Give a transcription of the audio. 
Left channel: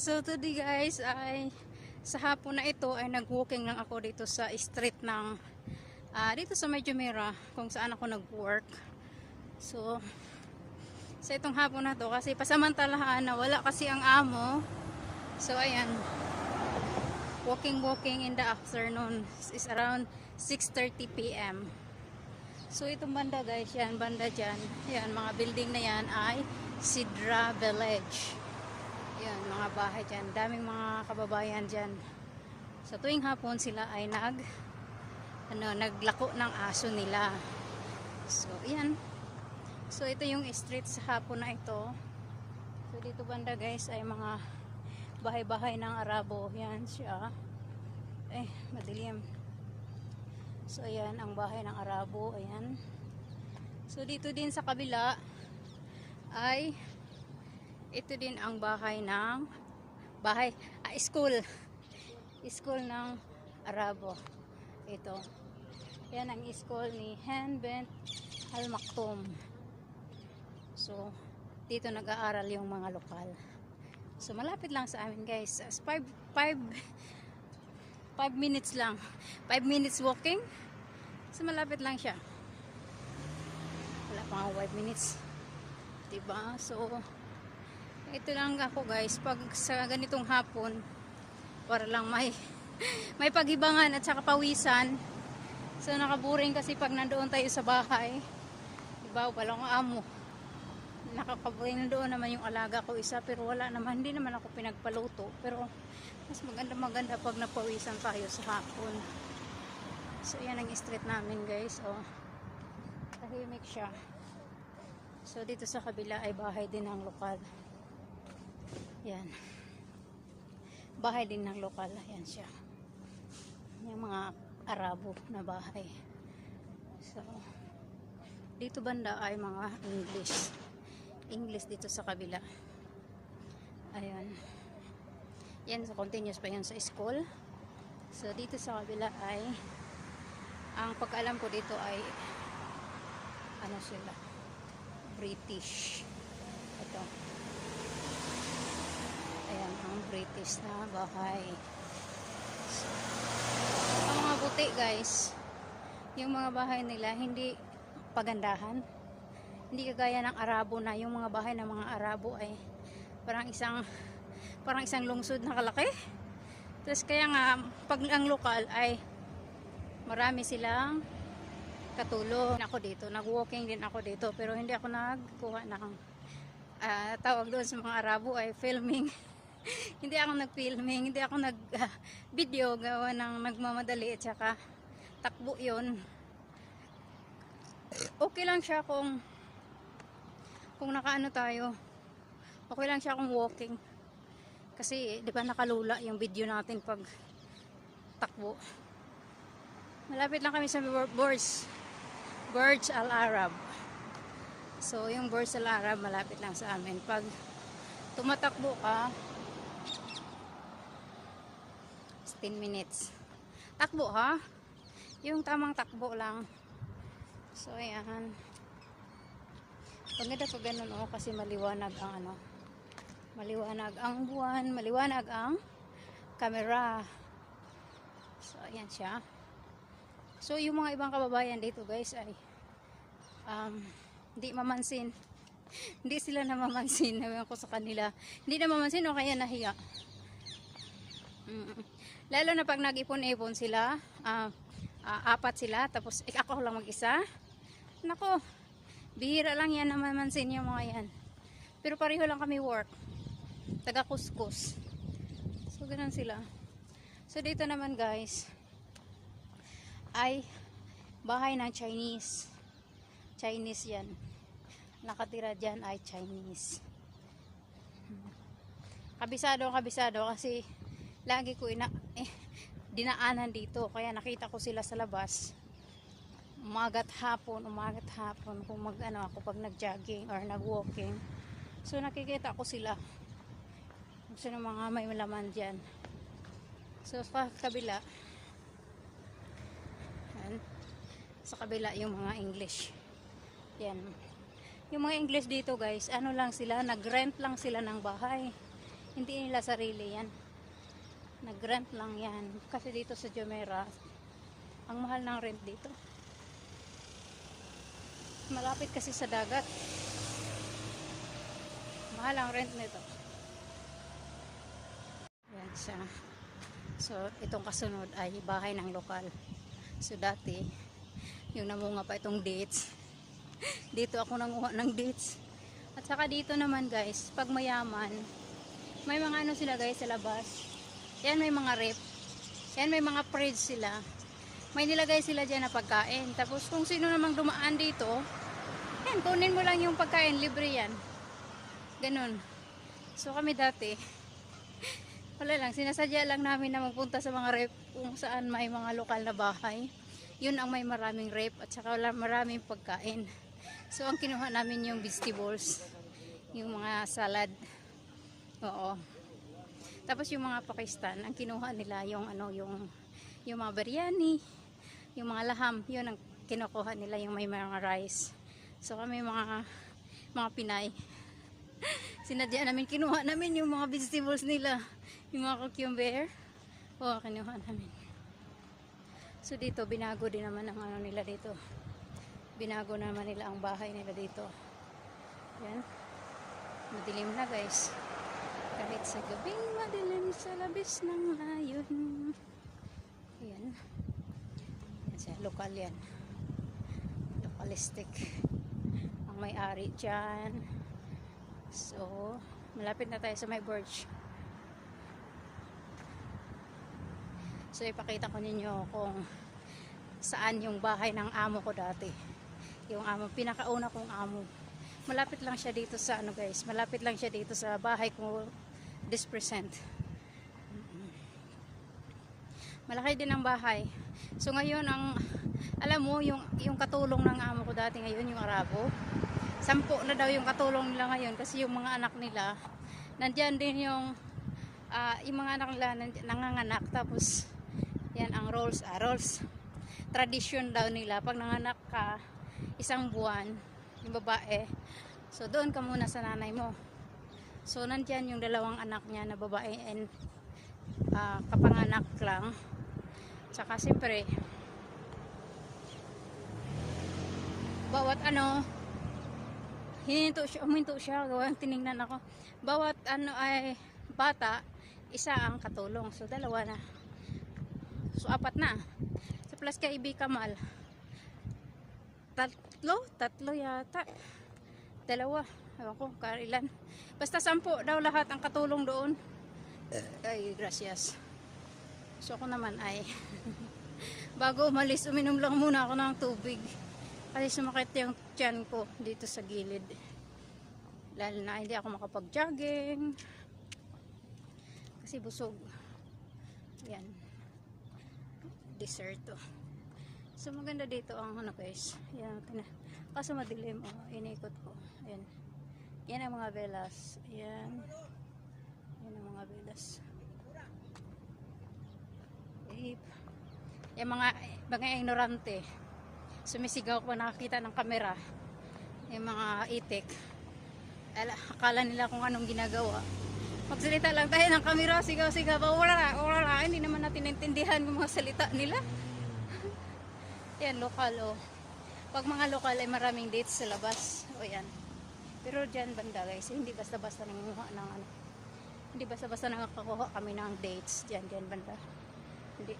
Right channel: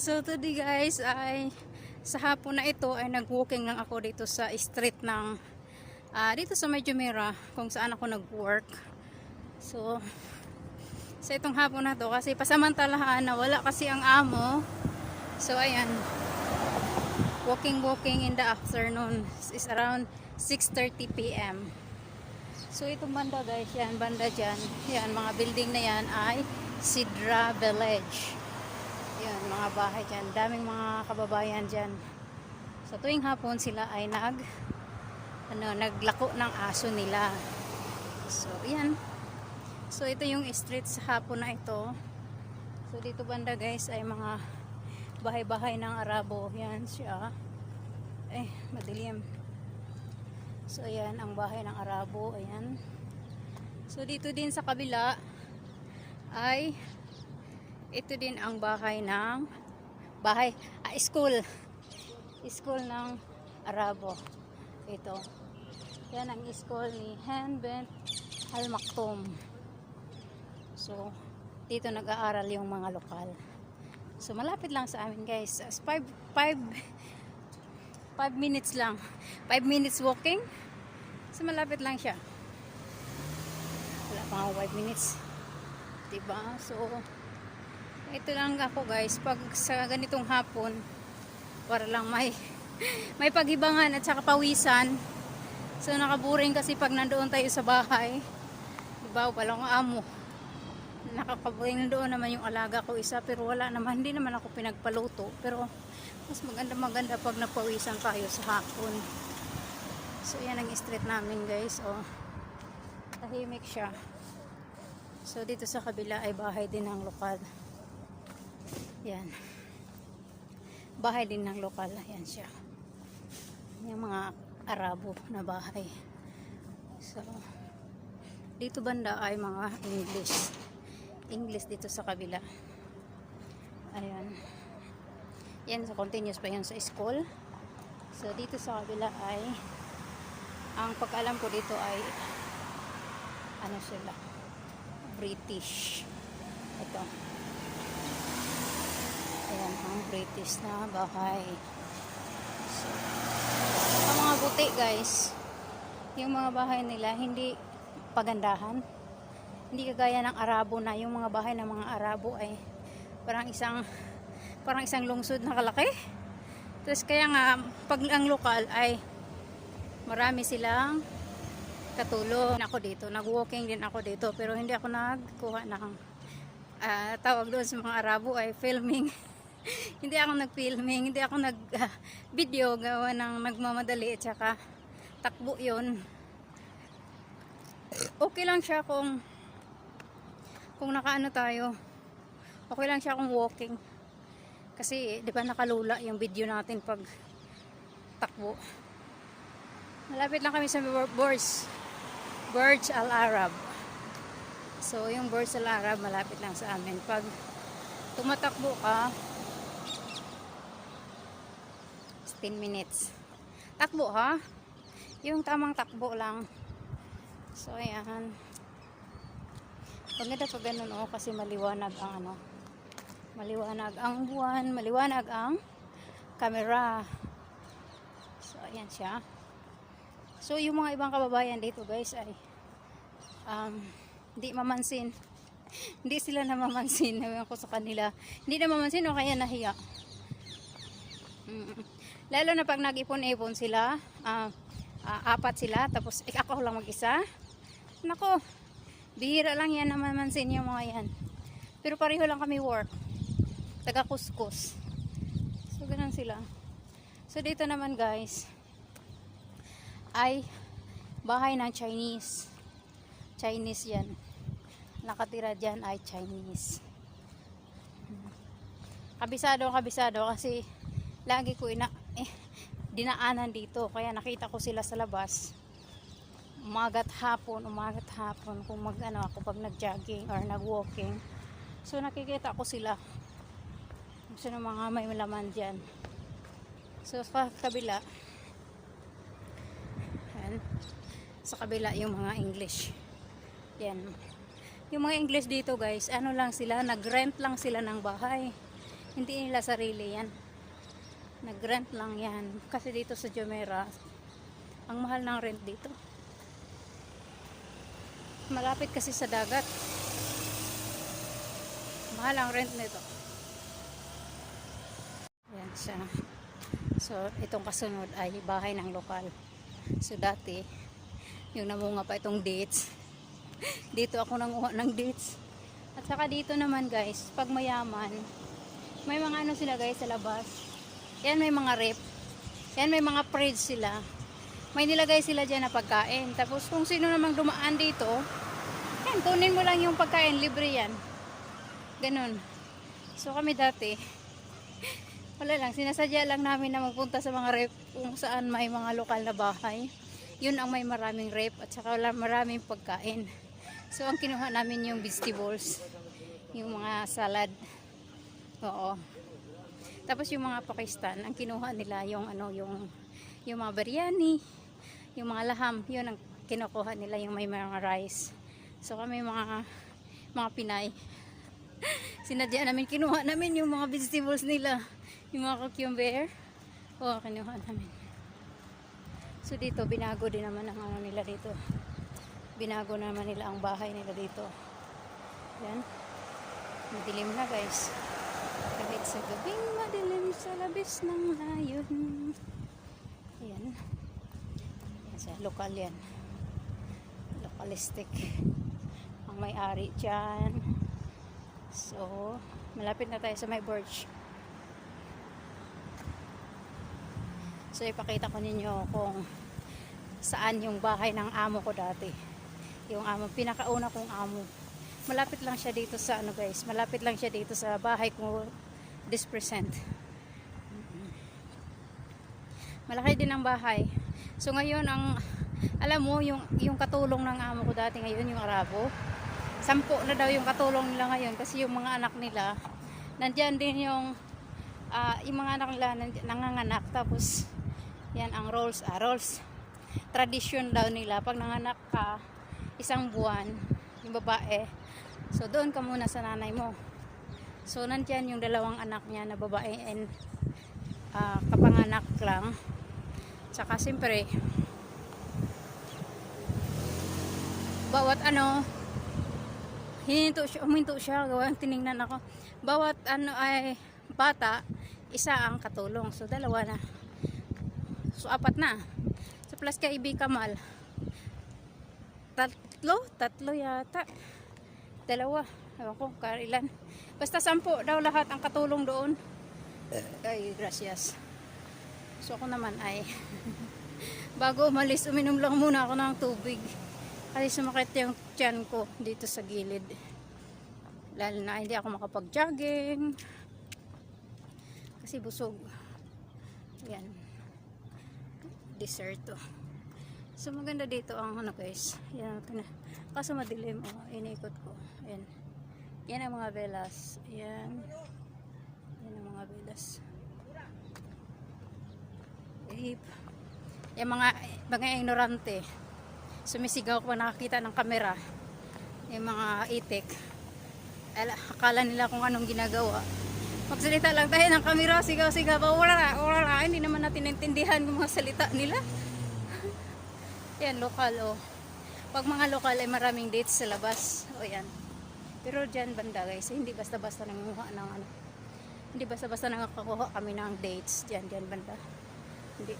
So today guys ay sa hapon na ito ay nag-walking lang ako dito sa street ng ah, dito sa Medyo Mira kung saan ako nag-work. So sa itong hapon na to kasi pasamantalahan na wala kasi ang amo. So ayan. Walking walking in the afternoon is around 6:30 PM. So itong banda guys, yan banda dyan. Yan mga building na yan ay Sidra Village. Yan mga bahay dyan. Daming mga kababayan dyan. Sa tuwing hapon sila ay nag ano, naglako ng aso nila. So yan. So ito yung street sa hapon na ito. So dito banda guys ay mga bahay-bahay ng Arabo. Yan siya. Eh, madilim. So, ayan, ang bahay ng Arabo. Ayan. So, dito din sa kabila ay ito din ang bahay ng bahay, ah, school. School ng Arabo. Ito. Yan ang school ni Hanbent Al Maktoum. So, dito nag-aaral yung mga lokal. So, malapit lang sa amin guys. 5 5 5 minutes lang. 5 minutes walking. So, malapit lang siya. Wala pa akong 5 minutes. Diba? So, ito lang ako guys. Pag sa ganitong hapon, para lang may may paghibangan at saka pawisan. So, nakaburing kasi pag nandoon tayo sa bahay. Diba? Walang amo. Nakakaburing nandoon naman yung alaga ko isa. Pero wala naman. Hindi naman ako pinagpaluto. Pero, mas maganda maganda pag napawisan tayo sa hapon. So yan ang street namin guys. Oh. Tahimik siya. So dito sa kabila ay bahay din ng lokal. Yan. Bahay din ng lokal. Yan siya. Yung mga Arabo na bahay. So dito banda ay mga English. English dito sa kabila. Ayan. Yan, so continuous pa yan sa school. So, dito sa kabila ay ang pagkaalam ko dito ay ano sila British ito ang British na bahay so, ang mga buti guys yung mga bahay nila hindi pagandahan hindi kagaya ng Arabo na yung mga bahay ng mga Arabo ay parang isang parang isang lungsod na kalaki. Tapos kaya nga, pag ang lokal ay marami silang katulong. Ako dito, nag-walking din ako dito, pero hindi ako nagkuha ng ah, tawag doon sa mga Arabo ay filming. hindi ako nag-filming, hindi ako nag-video gawa ng nagmamadali at saka takbo yon okay lang siya kung kung nakaano tayo okay lang siya kung walking kasi, di ba nakalula yung video natin pag takbo. Malapit lang kami sa Burj. Burj Al Arab. So, yung Burj Al Arab, malapit lang sa amin. Pag tumatakbo ka, 10 minutes. Takbo ha? Yung tamang takbo lang. So, ayan. Paganda pag ganun, oh, kasi maliwanag ang ano, maliwanag ang buwan, maliwanag ang camera. So, ayan siya. So, yung mga ibang kababayan dito guys ay um, hindi mamansin. hindi sila namamansin. Naman ko sa kanila. Hindi namamansin o kaya nahiya. Lalo na pag nag-ipon-ipon sila, ah, ah, apat sila, tapos eh, ako lang mag-isa. Nako, bihira lang yan namamansin yung mga yan. Pero pareho lang kami work. Taga kuskus so ganun sila. So dito naman guys. Ay bahay ng Chinese. Chinese yan. Nakatira dyan ay Chinese. Kabisado kabisado kasi lagi ko ina dinaanan dito. Kaya nakita ko sila sa labas. Umagat hapon umagat hapon kung mag ano ako pag nag jogging or nag walking so nakikita ko sila. Gusto ng mga may laman dyan. So sa kabila yan, sa kabila yung mga English. Yan. Yung mga English dito guys ano lang sila nag rent lang sila ng bahay. Hindi nila sarili yan. Nag-rent lang yan. Kasi dito sa Jumeirah, ang mahal ng rent dito. Malapit kasi sa dagat. Mahal ang rent nito. Yan siya. So, itong kasunod ay bahay ng lokal. So, dati, yung namunga pa itong dates. dito ako nanguha ng dates. At saka dito naman guys, pag mayaman, may mga ano sila guys sa labas. Yan may mga rip. Yan may mga fridge sila. May nilagay sila dyan na pagkain. Tapos kung sino namang dumaan dito, yan, tunin mo lang yung pagkain, libre yan. Ganun. So kami dati, wala lang, sinasadya lang namin na magpunta sa mga rep kung saan may mga lokal na bahay. Yun ang may maraming rep at saka wala maraming pagkain. So ang kinuha namin yung vegetables, yung mga salad. Oo. Tapos yung mga Pakistan, ang kinuha nila yung ano, yung yung mga biryani, yung mga laham, yun ang kinukuha nila yung may mga rice. So kami mga mga Pinay, sinadya namin, kinuha namin yung mga vegetables nila, yung mga cucumber. Oo, kinuha namin. So dito, binago din naman ang ano nila dito. Binago naman nila ang bahay nila dito. Yan. Madilim na guys. Kahit sa gabing madilim sa labis ng hayon. Ayan. Kasi lokal yan. Localistic. Ang may-ari dyan. So, malapit na tayo sa may birch. So, ipakita ko ninyo kung saan yung bahay ng amo ko dati. Yung amo, pinakauna kong amo. Malapit lang siya dito sa ano guys, malapit lang siya dito sa bahay ko this present. Malaki din ang bahay. So ngayon ang alam mo yung yung katulong ng amo ko dati ngayon yung Arabo. Sampo na daw yung katulong nila ngayon kasi yung mga anak nila nandiyan din yung ah, yung mga anak nila nanganganak tapos yan ang roles ah, roles tradition daw nila pag nanganak ka isang buwan yung babae so doon ka muna sa nanay mo so nandyan yung dalawang anak niya na babae and ah, kapanganak lang. Tsaka siyempre bawat ano hininto siya, uminto siya gawa tiningnan ako. Bawat ano ay bata isa ang katulong. So dalawa na. So apat na. So plus kay Ibi Kamal tatlo? Tatlo yata. Dalawa. Ewan ko kailan basta sampu daw lahat ang katulong doon. Ay gracias. So ako naman ay bago umalis uminom lang muna ako ng tubig. Kasi sumakit yung tiyan ko dito sa gilid. Lalo na hindi ako makapag-jogging. Kasi busog. Yan dessert to so maganda dito ang ano guys. Yan kaso madilim oh, inikot yan ang mga velas. Yan yan ang mga velas. Beep. yung mga mga ignorante. Sumisigaw ko nakakita ng kamera. Yung mga itik. Ala, akala nila kung anong ginagawa. Magsalita lang tayo ng kamera sigaw-sigaw pa. Wala na, wala. Na hindi naman natin naintindihan yung mga salita nila. Yan lokal oh. Pag mga lokal ay maraming dates sa labas. O yan pero dyan banda guys hindi basta-basta nangunguha ng ano. Hindi basta-basta nangakakuha kami ng dates. Dyan dyan banda. Hindi